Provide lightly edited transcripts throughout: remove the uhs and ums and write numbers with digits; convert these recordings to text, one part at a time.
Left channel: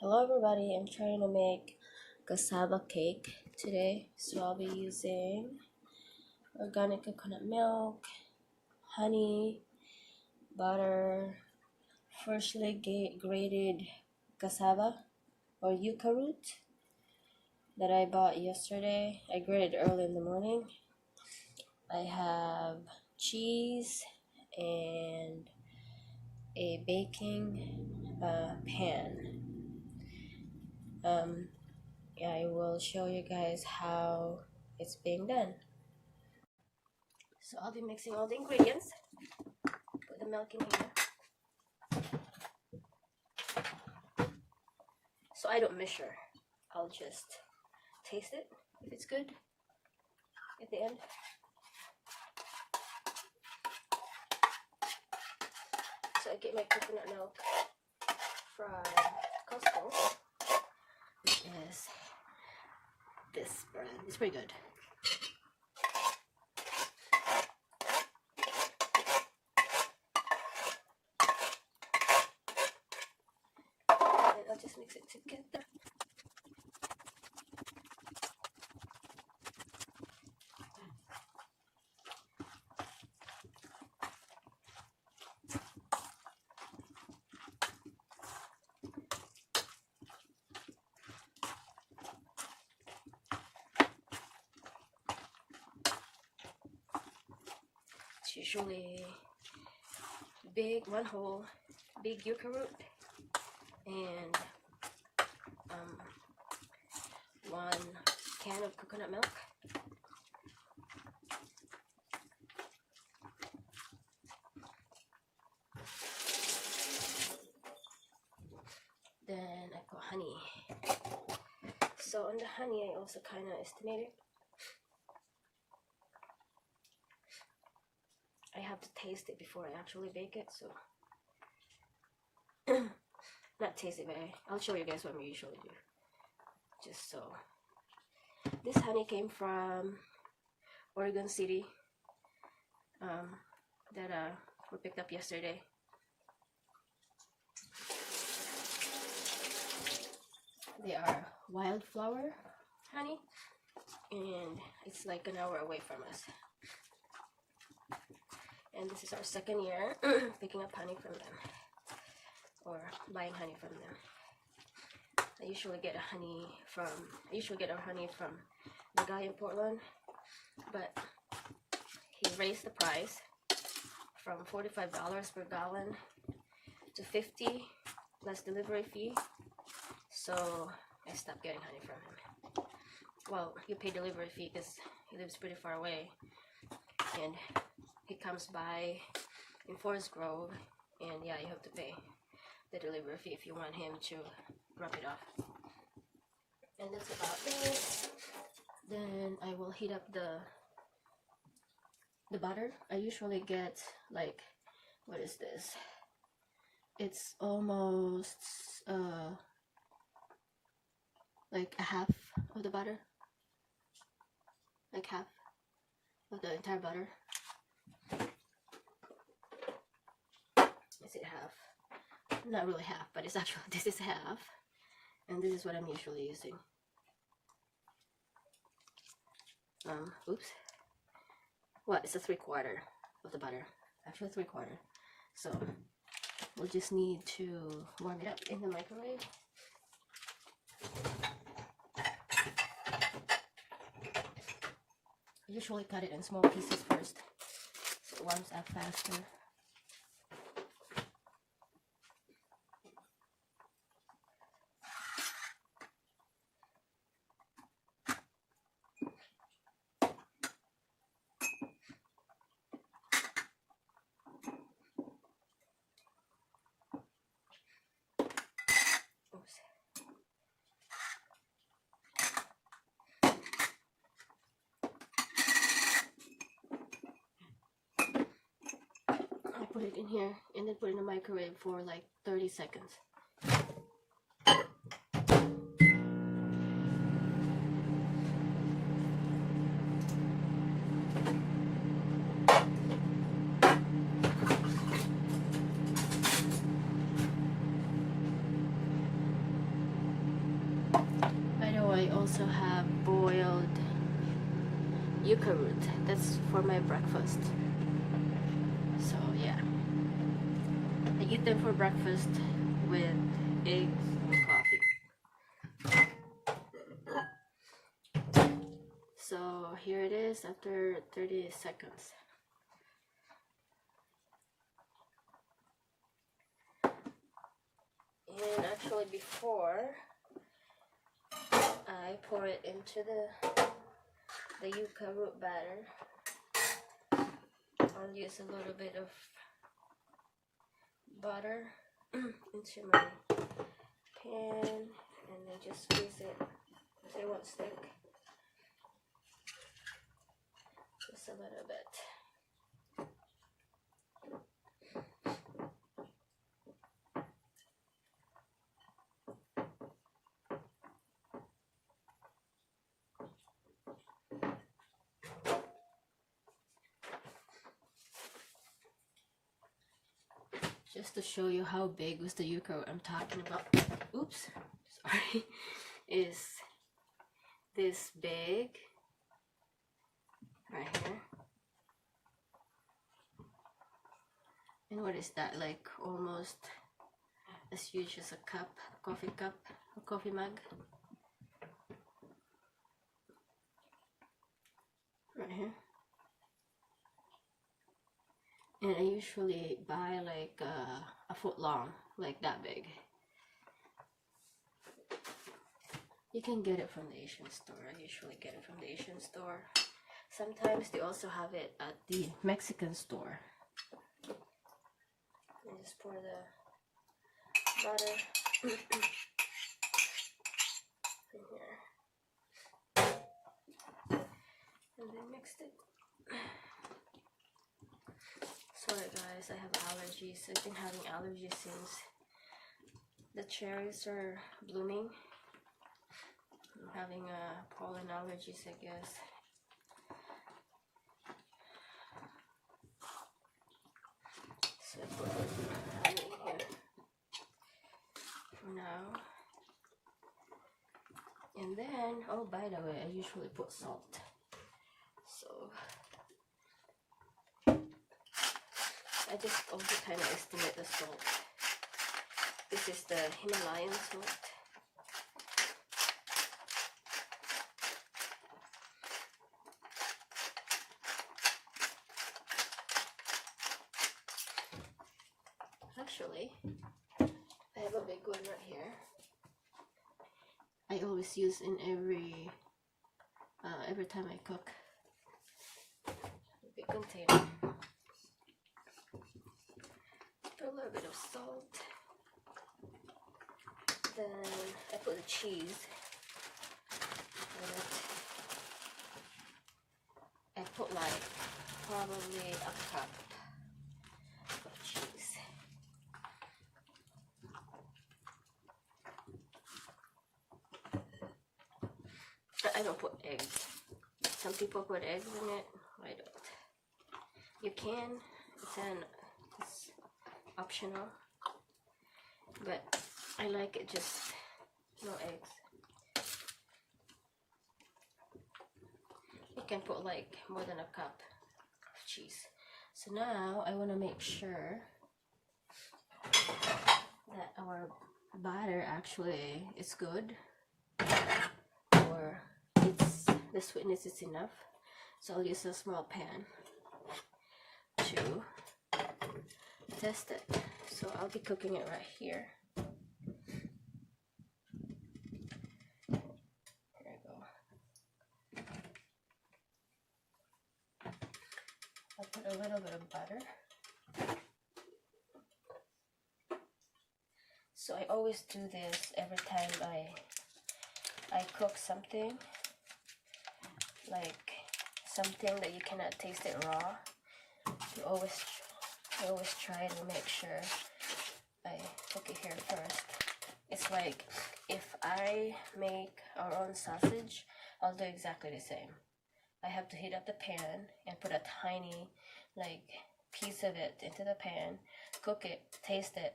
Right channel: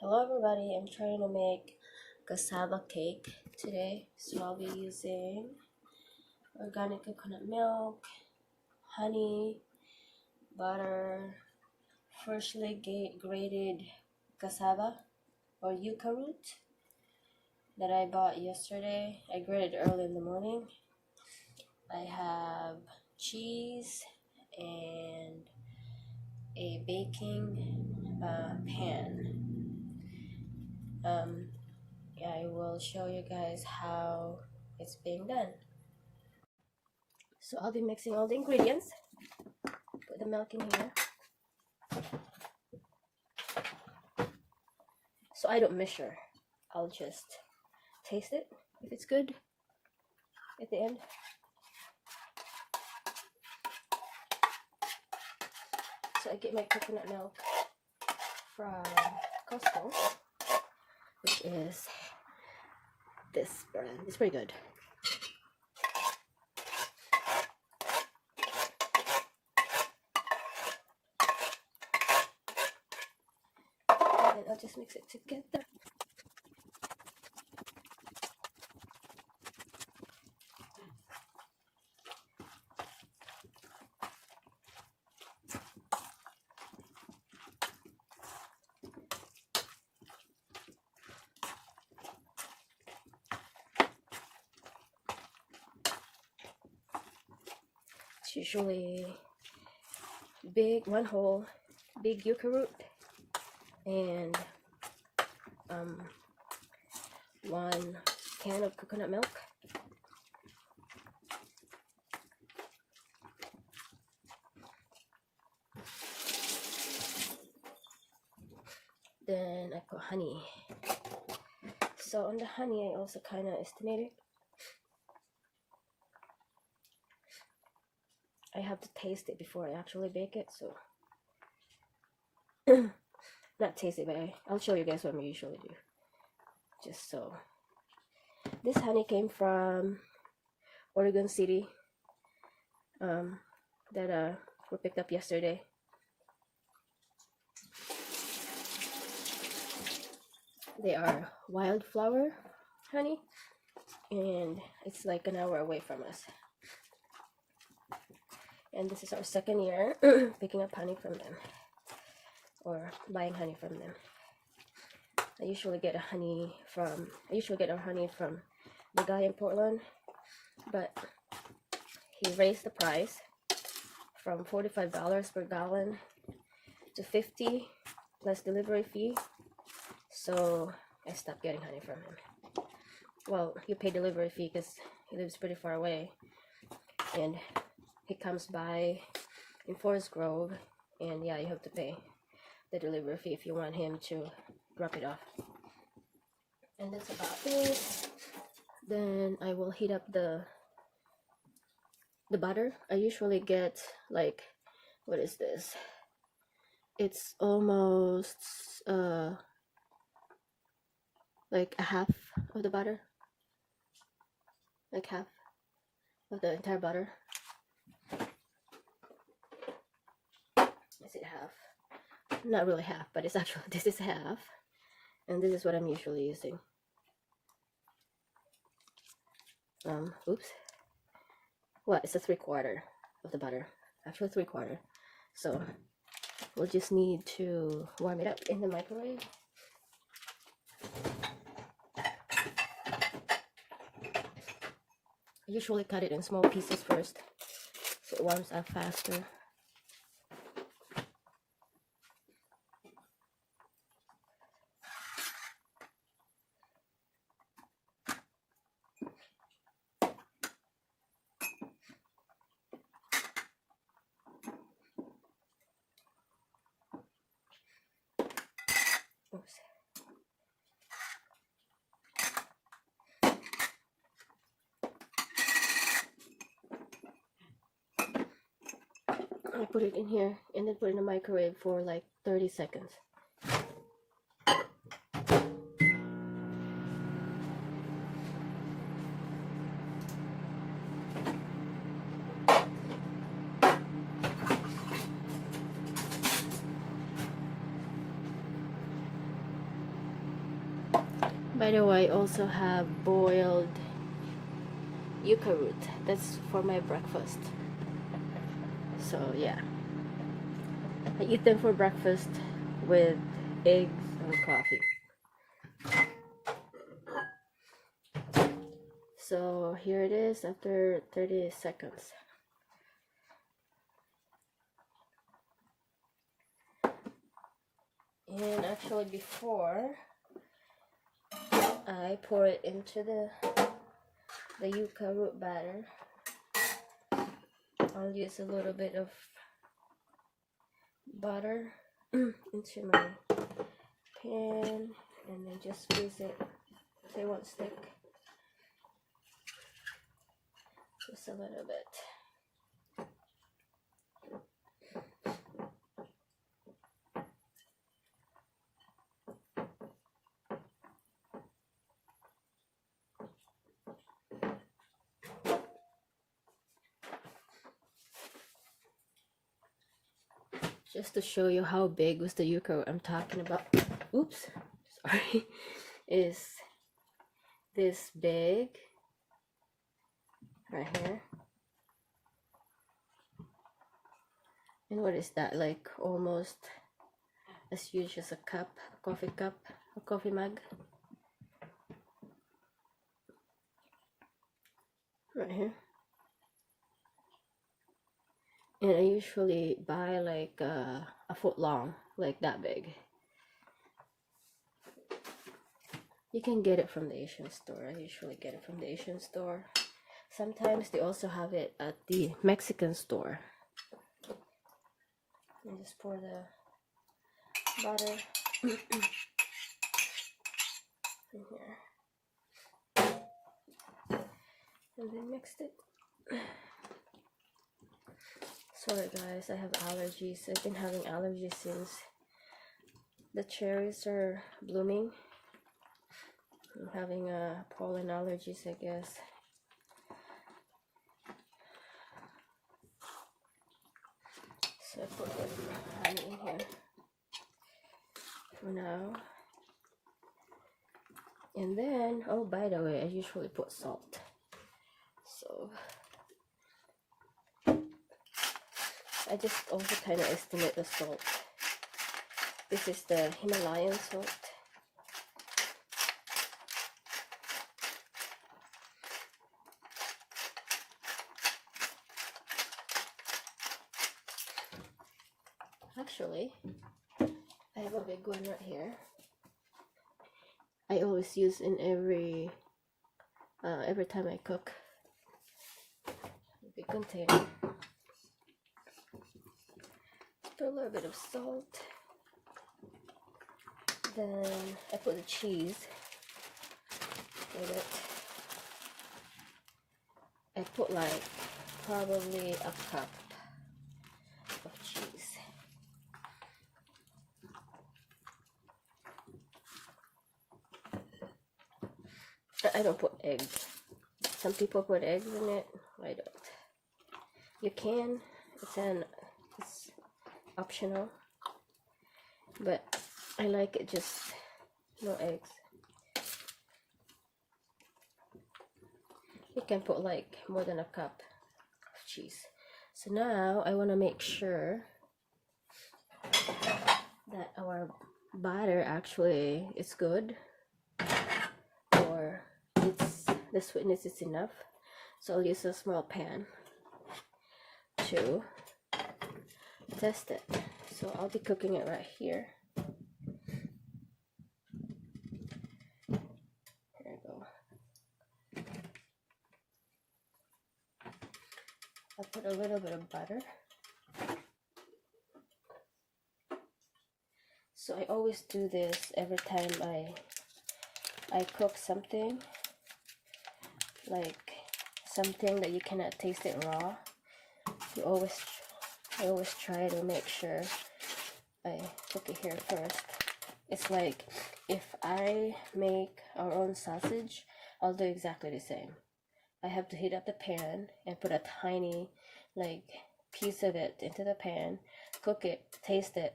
Hello everybody, I'm trying to make cassava cake today. So I'll be using organic coconut milk, honey, butter, freshly grated cassava or yucca root that I bought yesterday. I grated early in the morning. I have cheese and a baking pan. I will show you guys how it's being done. So I'll be mixing all the ingredients. Put the milk in here. So I don't measure. I'll just taste it if it's good at the end. So I get my coconut milk from Costco, which is this brand. It's pretty good. And I'll just mix it together. It's usually one whole big yucca root and 1 can of coconut milk. Then I put honey. So on the honey I also kind of estimate it. I have to taste it before I actually bake it, so not taste it, but I'll show you guys what we usually do. Just so. This honey came from Oregon City that we picked up yesterday. They are wildflower honey, and it's like an hour away from us. And this is our second year picking up honey from them, or buying honey from them. I usually get our honey from the guy in Portland, but he raised the price from $45 per gallon to $50 plus delivery fee. So I stopped getting honey from him. Well, you pay delivery fee because he lives pretty far away, and he comes by in Forest Grove, and yeah, you have to pay the delivery fee if you want him to drop it off. And that's about it. Then I will heat up the butter. I usually get like, what is this? It's almost like a half of the butter, like half of the entire butter. Is it half? Not really half, but it's actually, this is half, and this is what I'm usually using. Oops. Well, it's a 3/4 of the butter, actually 3/4. So we'll just need to warm it up in the microwave. I usually cut it in small pieces first, so it warms up faster. I put it in here and then put it in the microwave for like 30 seconds. by the way, I also have boiled yucca root. That's for my breakfast. So yeah, I eat them for breakfast with eggs and coffee. So here it is after 30 seconds. And actually before I pour it into the yucca root batter, I'll use a little bit of butter into my pan and then just squeeze it so it won't stick. Just a little bit. Just to show you how big was the yucca I'm talking about. Oops, sorry. Is this big right here. And what is that, like almost as huge as a cup, a coffee mug. Right here. And I usually buy like a foot long, like that big. You can get it from the Asian store. I usually get it from the Asian store. Sometimes they also have it at the Mexican store. And just pour the butter in here. And then mix it. Sorry guys, I have allergies. I've been having allergies since the cherries are blooming. I'm having pollen allergies, I guess. So I put honey in here for now. And then, oh, by the way, I usually put salt. So I just also kind of estimate the salt. This is the Himalayan salt. Actually, I have a big one right here. I always use in every time I cook. A big container. Put a little bit of salt. Then I put the cheese in it. I put like probably a cup of cheese. But I don't put eggs. Some people put eggs in it. I don't. You can. It's optional. But I like it just no eggs. You can put like more than a cup of cheese. So now I want to make sure that our batter actually is good, or the sweetness is enough. So I'll use a small pan to test it. So I'll be cooking it right here. There we go. I'll put a little bit of butter. So I always do this every time I cook something, like something that you cannot taste it raw. I always try to make sure I cook it here first. It's like if I make our own sausage, I'll do exactly the same. I have to heat up the pan and put a tiny like piece of it into the pan, cook it, taste it.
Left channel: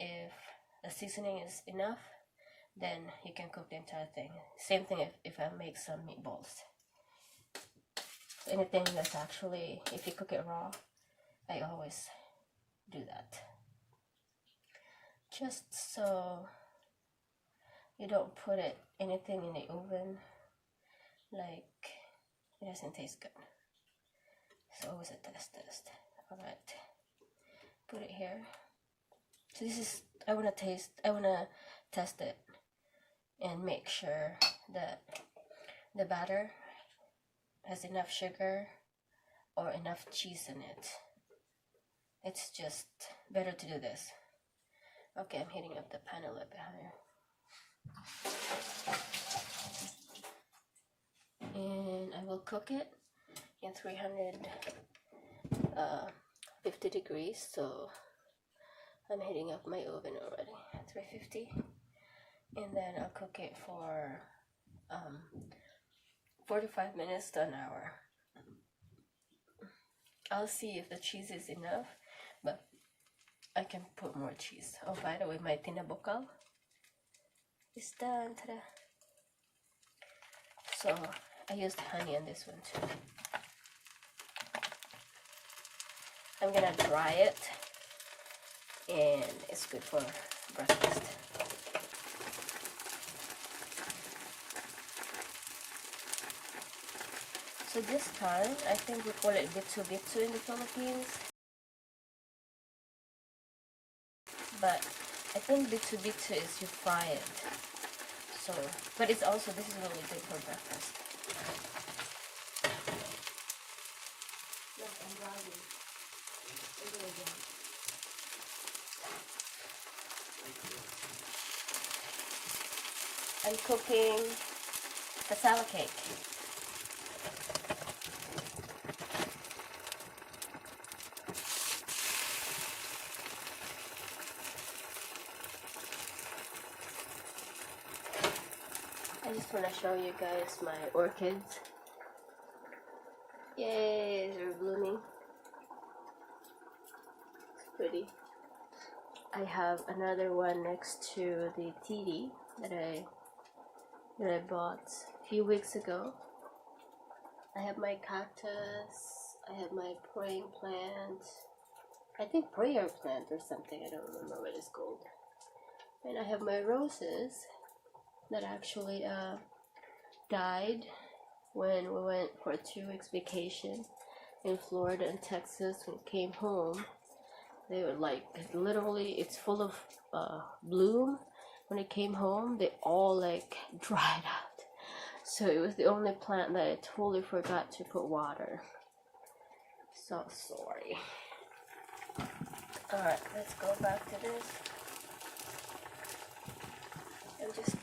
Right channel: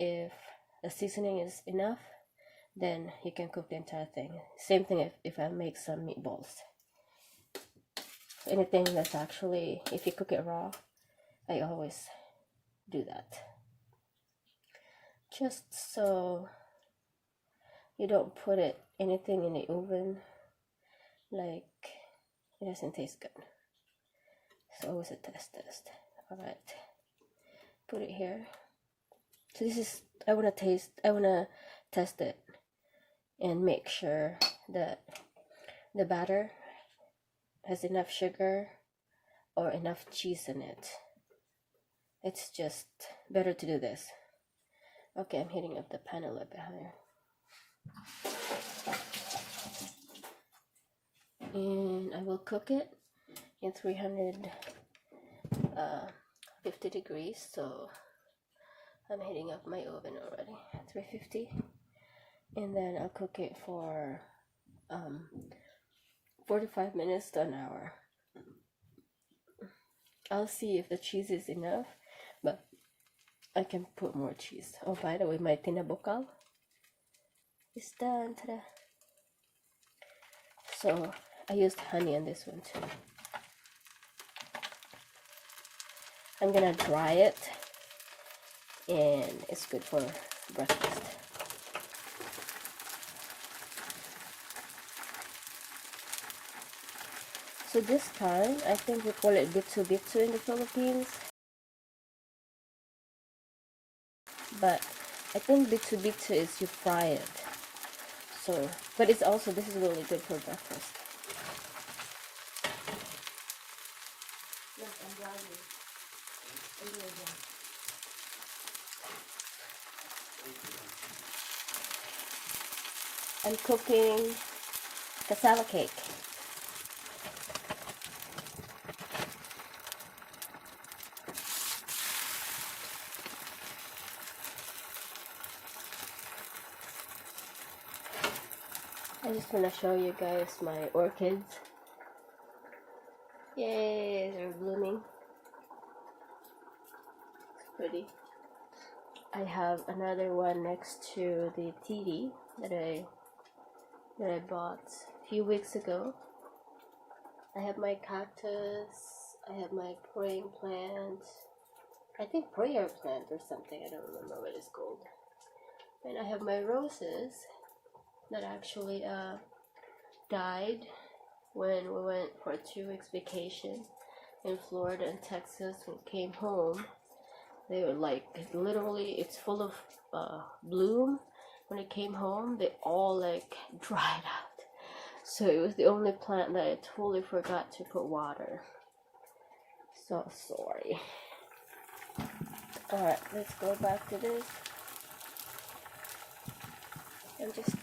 If the seasoning is enough, then you can cook the entire thing. Same thing if I make some meatballs. Anything that's actually, if you cook it raw, I always do that. Just so you don't put anything in the oven, like it doesn't taste good. So always a test. Alright, put it here. So this is, I wanna test it and make sure that the batter has enough sugar or enough cheese in it. It's just better to do this. Okay, I'm heating up the pan a little bit higher. And I will cook it in 350 degrees. So I'm heating up my oven already, 350. And then I'll cook it for 45 minutes to an hour. I'll see if the cheese is enough, but I can put more cheese. Oh, by the way, my tinabokal is done. Ta-da. So I used honey on this one too. I'm gonna dry it, and it's good for breakfast. So this time, I think we call it bitsu in the Philippines. But I think bitsu is you fry it. So, but it's also, this is really good for breakfast. I'm cooking cassava cake. I just want to show you guys my orchids. Yay, they're blooming. It's pretty. I have another one next to the TD that I bought a few weeks ago. I have my cactus. I have my praying plant. I think prayer plant or something. I don't remember what it's called. And I have my roses that actually died when we went for a 2 weeks vacation in Florida and Texas. When we came home, they were like, literally, it's full of bloom. When I came home, they all like dried out. So it was the only plant that I totally forgot to put water. So sorry. Alright, let's go back to this. And just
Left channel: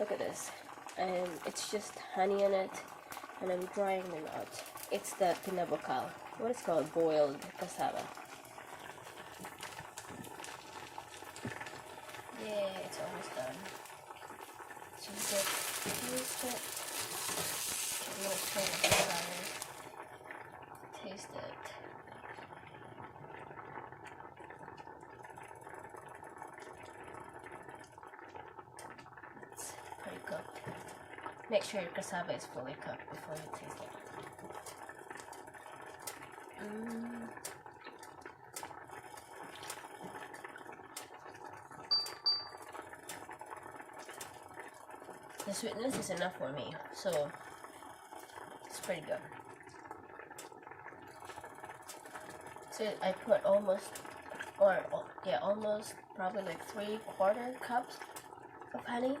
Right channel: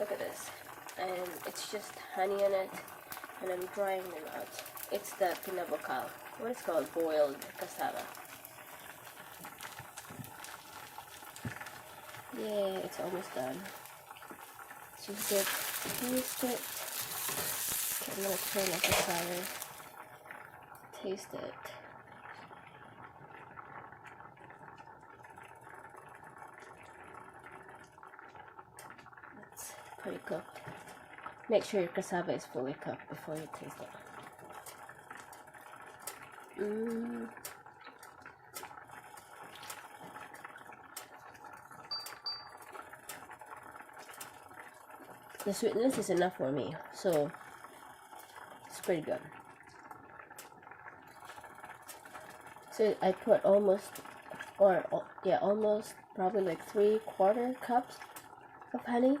look at this. It's just honey on it, and I'm drying them out. It's the pinabokal. What is called boiled cassava. Yay, it's almost done. So just taste it. I'm gonna turn up the fire. Taste it. It's pretty cooked. Make sure your cassava is fully cooked before you taste it. The sweetness is enough for me, so it's pretty good. So I put almost probably like 3/4 cups of honey.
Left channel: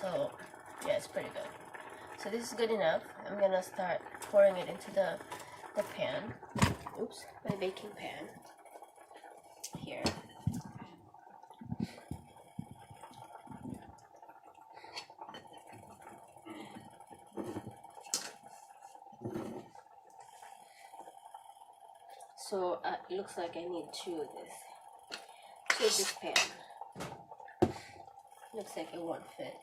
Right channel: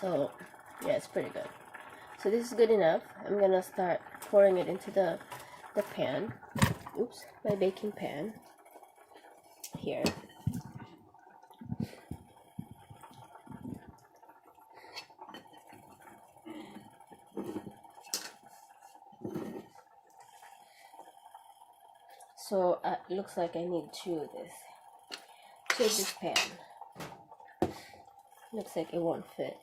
So yeah, it's pretty good. So this is good enough. I'm gonna start pouring it into the pan. Oops, my baking pan here. So it looks like I need two of this. This pan. Looks like it won't fit.